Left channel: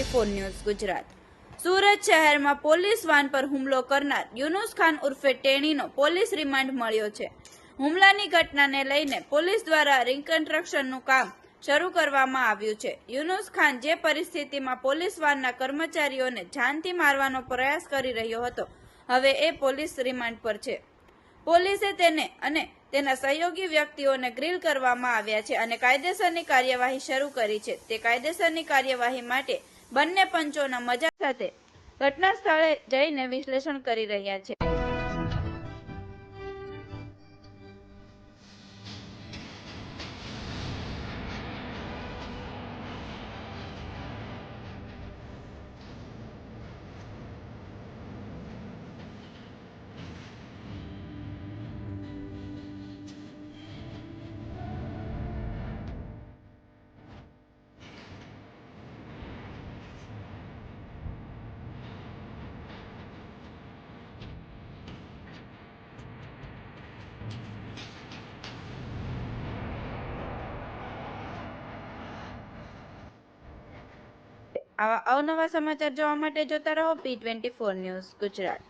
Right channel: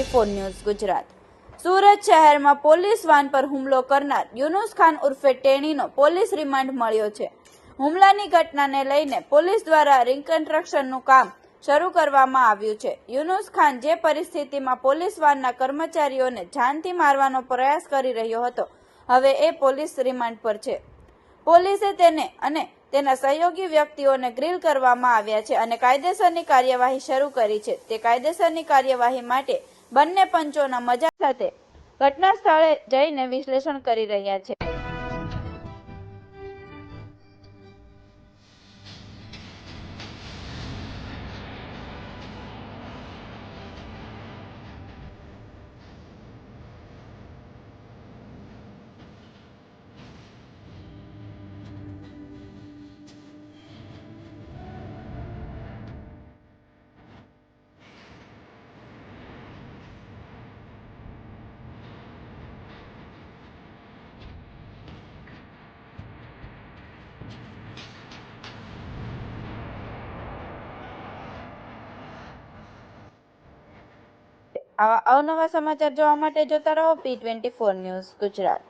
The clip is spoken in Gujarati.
P24 news Gujarat. સુરત શહેરમાં પોલીસ વાન પર હુમલો કરનાર યુનુસ ખાન ઉર્ફે ટેણીનો પોલીસ રિમાન્ડ મળ્યો છે। હુમલાની ઘટનાને લઈને પોલીસ દ્વારા રિકન્સ્ટ્રક્શનનું કામ શરૂ કરવામાં આવ્યું છે। યુનુસ ખાન જે પરિસ્થિતિમાં પોલીસ વાનના કર્મચારીઓને જાનથી મારવાનો પ્રયાસ કરી રહ્યો હતો, હવે એ પોલીસ રિમાન્ડ પર છે। પોલીસે તેને અને તેના સહયોગી વ્યક્તિઓને ગ્રીલ કરવામાં આવ્યા છે અને કાયદેસરની કાર્યવાહી શરૂ કરી છે। તે કાયદેસરની કાર્યવાહી માટે બંને પંચોના મજા સાથે ઘટના સ્થળે જઈને વિશ્લેષણ કરી રહ્યા છે। આવા અવનવા સમાચાર જોવા માટે જોતા રહો P24 ન્યૂઝ ગુજરાત।